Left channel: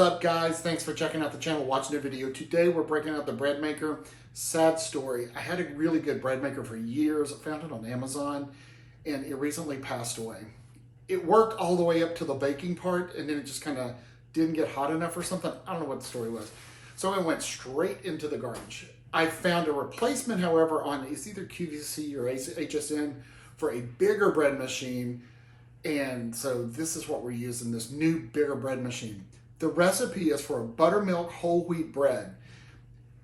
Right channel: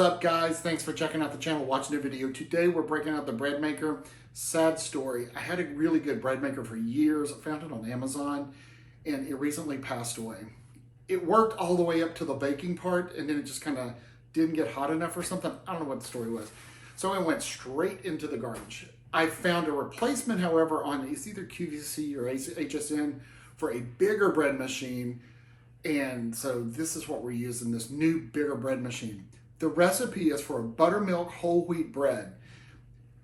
up, guys? Thanks for checking out the channel, watching the video. Today we're breaking out the bread maker. Sad story. I had a really good bread maker for years. I found it on Amazon and it recently passed away. It worked all the way up to the baking part and then it just kind of didn't get hot enough or something. I don't know what the story was. So it went straight into the garbage. I found a replacement, however, on it's either QVC or HSN for a bigger bread machine. And so this is what we're using, this new bigger bread machine. The recipe is for a buttermilk whole wheat bread.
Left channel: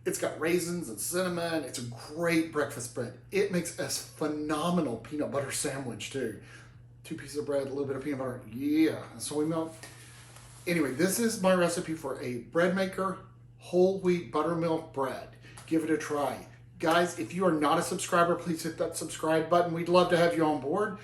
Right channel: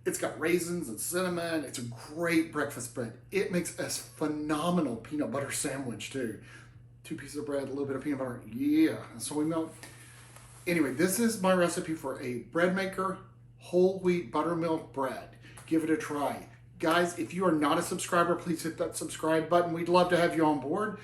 It's got raisins and cinnamon. It's a great breakfast bread. It makes a phenomenal peanut butter sandwich too. 2 pieces of bread, a little bit of peanut butter, yeah, and soy milk. Anyway, this is my recipe for a bread maker, whole wheat buttermilk bread. Give it a try. Guys, if you are not a subscriber, please hit that subscribe button. We'd love to have you on board.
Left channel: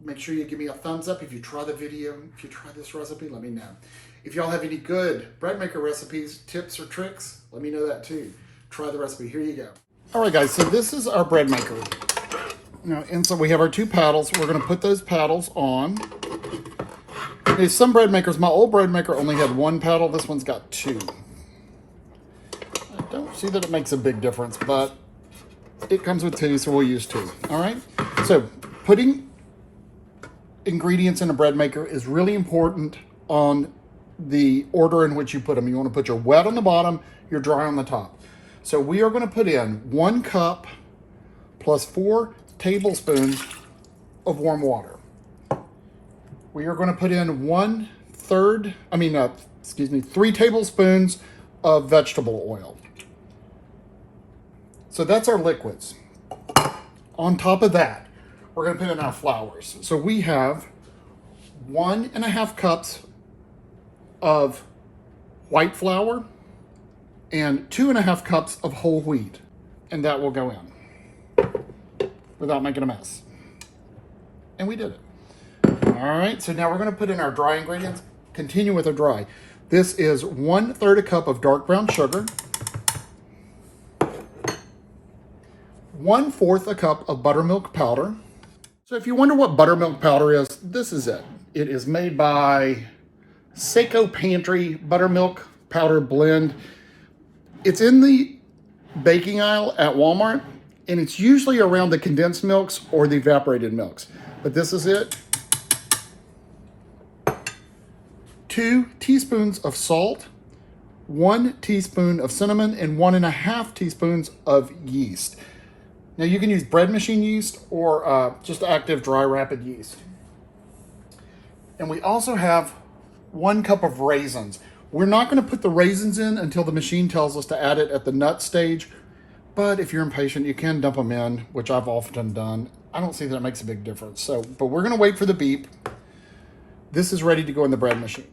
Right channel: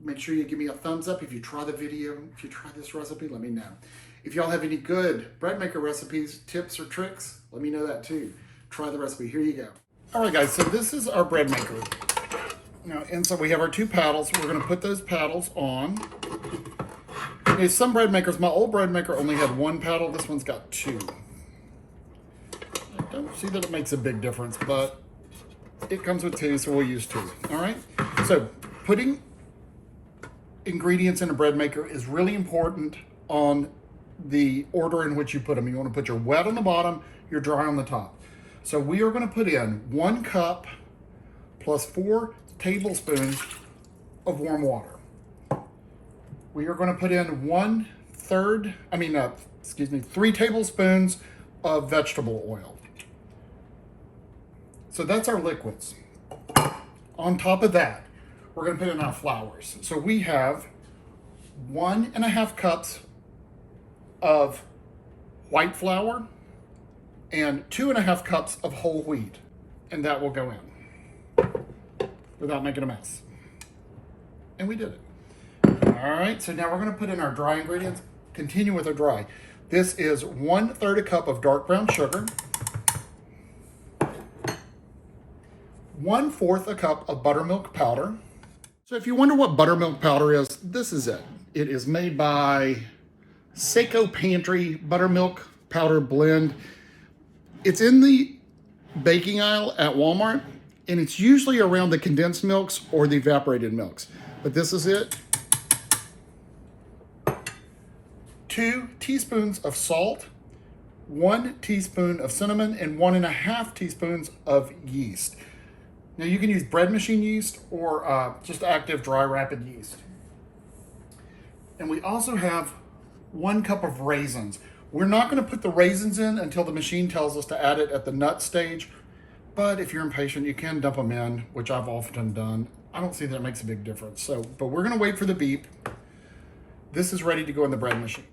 Make sure you give me a thumbs up if you try the video. If you try this recipe, let me know. If y'all have any good bread maker recipes, tips, or tricks, let me know that too. Try the recipe. Here you go. All right, guys, so this is our bread maker. Now, and so we have our 2 paddles. We're going to put those paddles on. Okay, some bread makers, my old bread maker only had 1 paddle. This one's got 2. I don't see that it makes a big difference, but it comes with 2, so we'll use 2. All right, so putting ingredients in a bread maker is really important on the order in which you put them. You want to put your wet on the bottom, your dry on the top. So we are going to put in 1 cup plus 4 tablespoons of warm water. We are going to put in 3 tablespoons of vegetable oil. So that's our liquids. On top of that, we're going to put in our flours. So we have 1.5 cups of white flour and 2.5 cups of whole wheat, and that will go in without making a mess. And we did it. All right, so now we're going to put in our dry ingredients. Continue with our dry. This is 1/3 cup of dark brown sugar, 1/4 cup of buttermilk powder. So if you wonder what buttermilk powder is, this is it. It is made by Seiko Pantry Buttermilk Powder Blend. It's in the baking aisle at Walmart, and it's usually around the condensed milks or the evaporated milks. But this is it. 2 teaspoons of salt, 1 teaspoon of cinnamon, and 1.5 teaspoons of yeast. Now you can use bread machine yeast or just active dry rapid yeast. And we also have 1 cup of raisins. We're not going to put the raisins in until the machine tells us to add it at the nut stage. But if you're impatient, you can dump them in, which I've often done. I don't see that it makes a big difference. But we're going to wait for the beep. This is ready to go in the bread machine.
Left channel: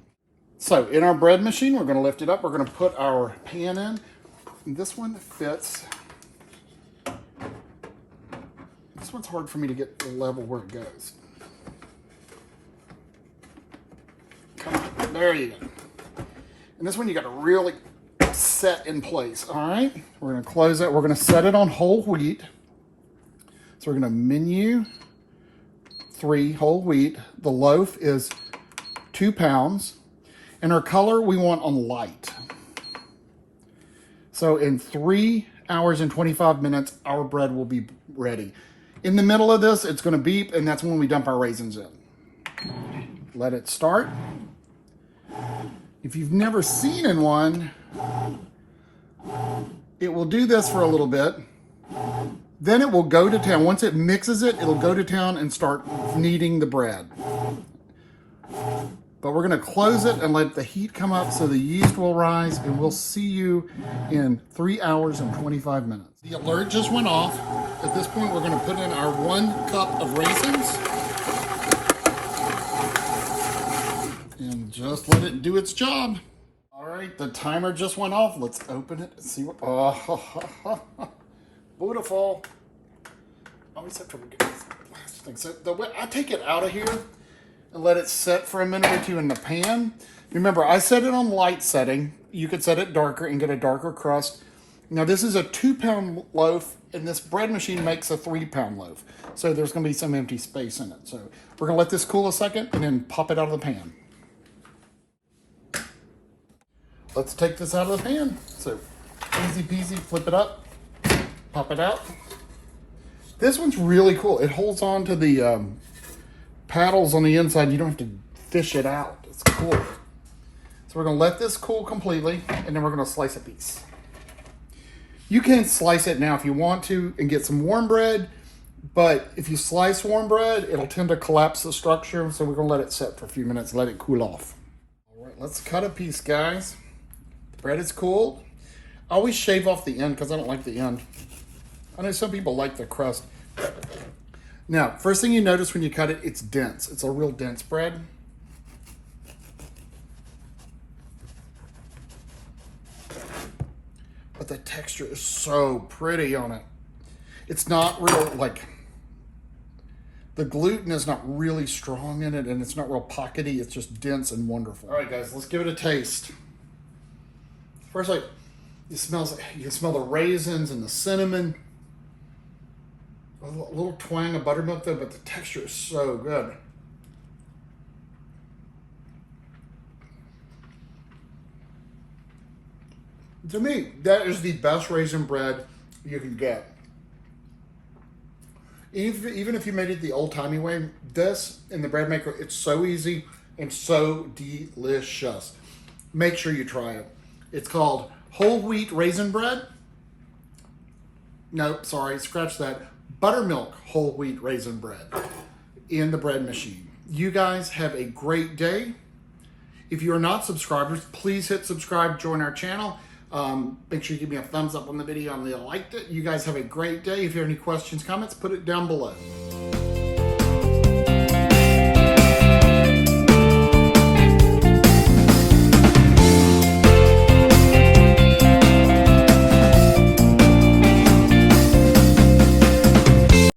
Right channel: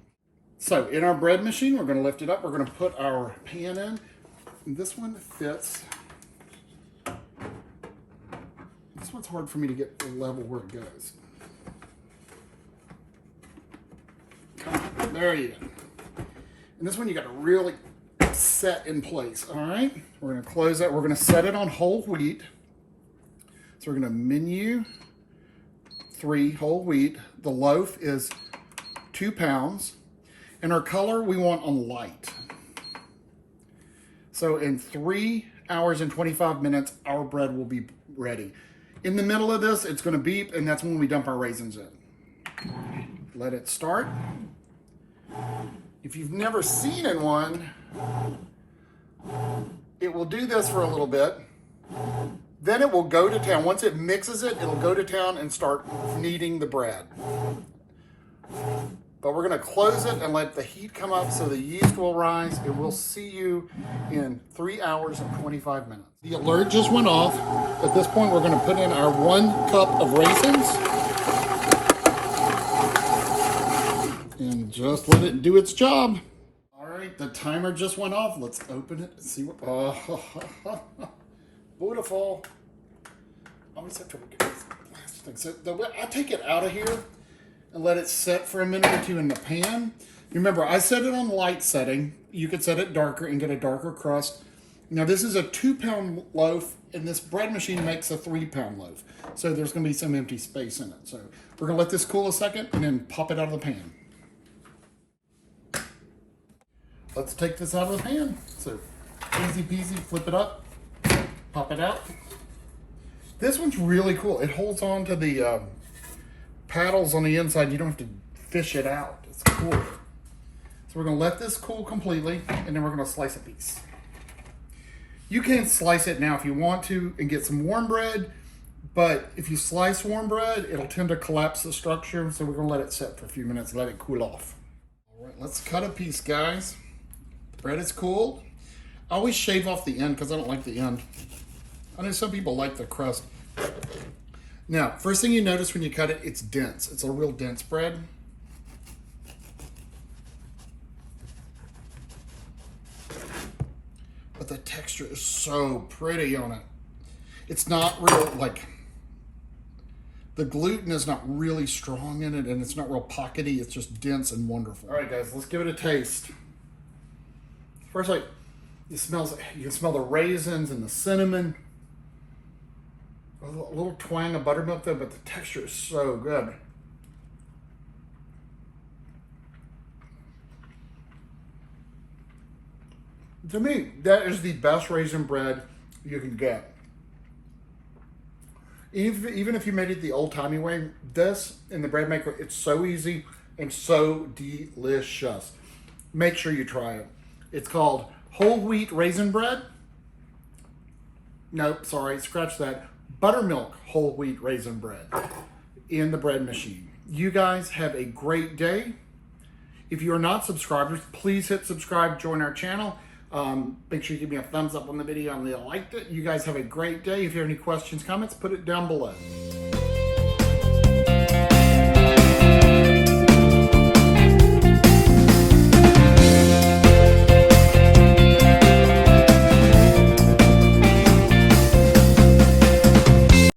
So in our bread machine, we're going to lift it up. We're going to put our pan in. And this one fits. This one's hard for me to get the level where it goes. Come on, there you go. And this one you got to really set in place, all right? We're going to close it. We're going to set it on whole wheat. So we're going to menu 3 whole wheat. The loaf is 2 pounds. And our color we want on light. So in 3 hours and 25 minutes, our bread will be ready. In the middle of this, it's going to beep, and that's when we dump our raisins in. Let it start. If you've never seen one, it will do this for a little bit. Then it will go to town. Once it mixes it, it'll go to town and start kneading the bread. But we're going to close it and let the heat come up so the yeast will rise, and we'll see you in 3 hours and 25 minutes. The alert just went off. At this point, we're going to put in our 1 cup of raisins. And just let it do its job. All right, the timer just went off. Let's open it and see what, beautiful. I always have trouble getting this last thing. So I take it out of here and let it set for a minute or 2 in the pan. Remember, I set it on light setting. You could set it darker and get a darker crust. Now this is a 2-pound loaf, and this bread machine makes a 3-pound loaf. So there's gonna be some empty space in it. So we're gonna let this cool a second and then pop it out of the pan. let's take this out of the pan. So easy peasy, flip it up, pop it out. This one's really cool. It holds on to the paddles on the inside. You don't have to fish it out. It's cool. So we're gonna let this cool completely, and then we're gonna slice a piece. You can slice it now if you want to and get some warm bread, but if you slice warm bread, it'll tend to collapse the structure. So we're gonna let it sit for a few minutes, let it cool off. All right, let's cut a piece, guys. The bread is cooled. I always shave off the end because I don't like the end. I know some people like the crust. Now, first thing you notice when you cut it, it's dense. It's a real dense bread. But the texture is so pretty on it. It's not real, like, the gluten is not really strong in it, and it's not real pockety. It's just dense and wonderful. All right, guys, let's give it a taste. First, like, you can smell the raisins and the cinnamon. A little twang of buttermilk though, but the texture is so good. To me, that is the best raisin bread you can get. Even if you made it the old-timey way, this in the bread maker, it's so easy and so delicious. Make sure you try it. It's called whole wheat raisin bread. No, sorry, scratch that. Buttermilk whole wheat raisin bread in the bread machine. You guys have a great day. If you are not subscribers, please hit subscribe, join our channel. Make sure you give me a thumbs up on the video and you liked it. You guys have a great day. If you have any questions, comments, put it down below.